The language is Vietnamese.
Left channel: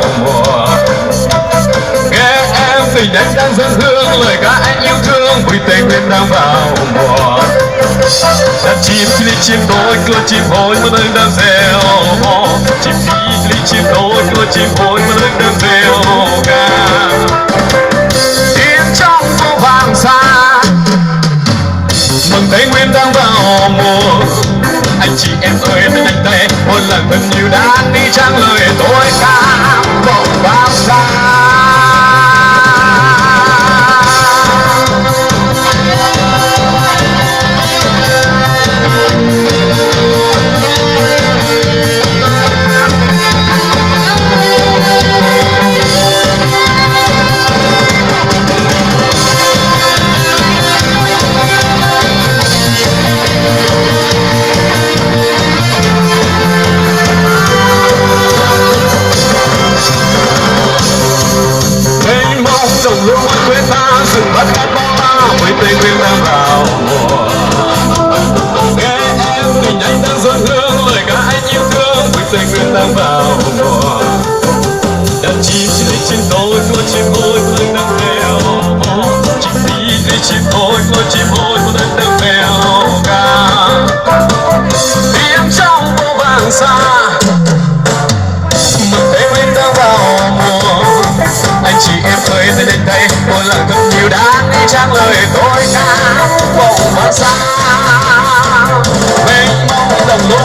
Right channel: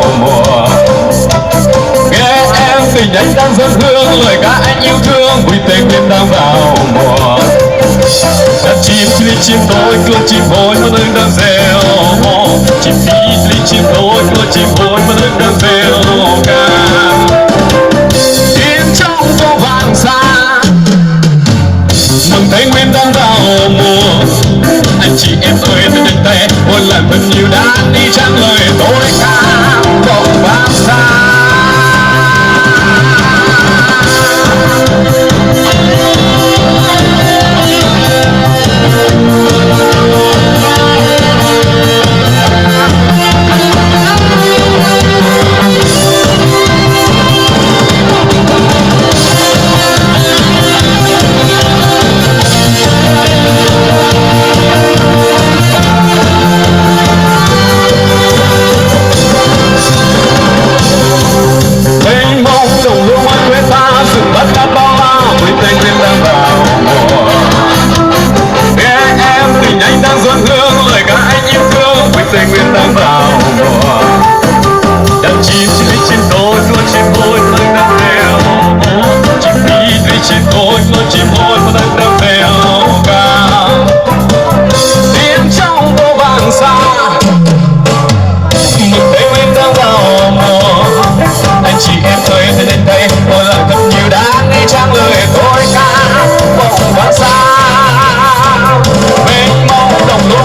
vào mùa. Nghe em tình anh đang dâng hương, lời ca anh yêu thương, vui tây nguyên đang vào mùa. Chim phi chim tối cưa chim hối mà nơi đang reo, chim phi chim tối cưa chim hối mà nơi đang reo ca. Tiếng trong phố vàng xa, mừng tây nguyên đang vào mùa. Anh chị em ơi thân nhanh tay, ôn lại thân như đang đi trăng lời tôi ca vọng vang xa. Tây nguyên đang vào mùa. Đàn chim phi chim tối cua chim hôi mà đang reo, chim phi chim tối cua chim hôi mà đang reo ca. Tiếng trong phố vàng xa, mừng Tây nguyên đang vào mùa. Anh chị em ơi thân anh thấy ôi lặng thầm nhiều đang nghe trang lời tôi ca vọng vang xa. Mênh mông đồng lúa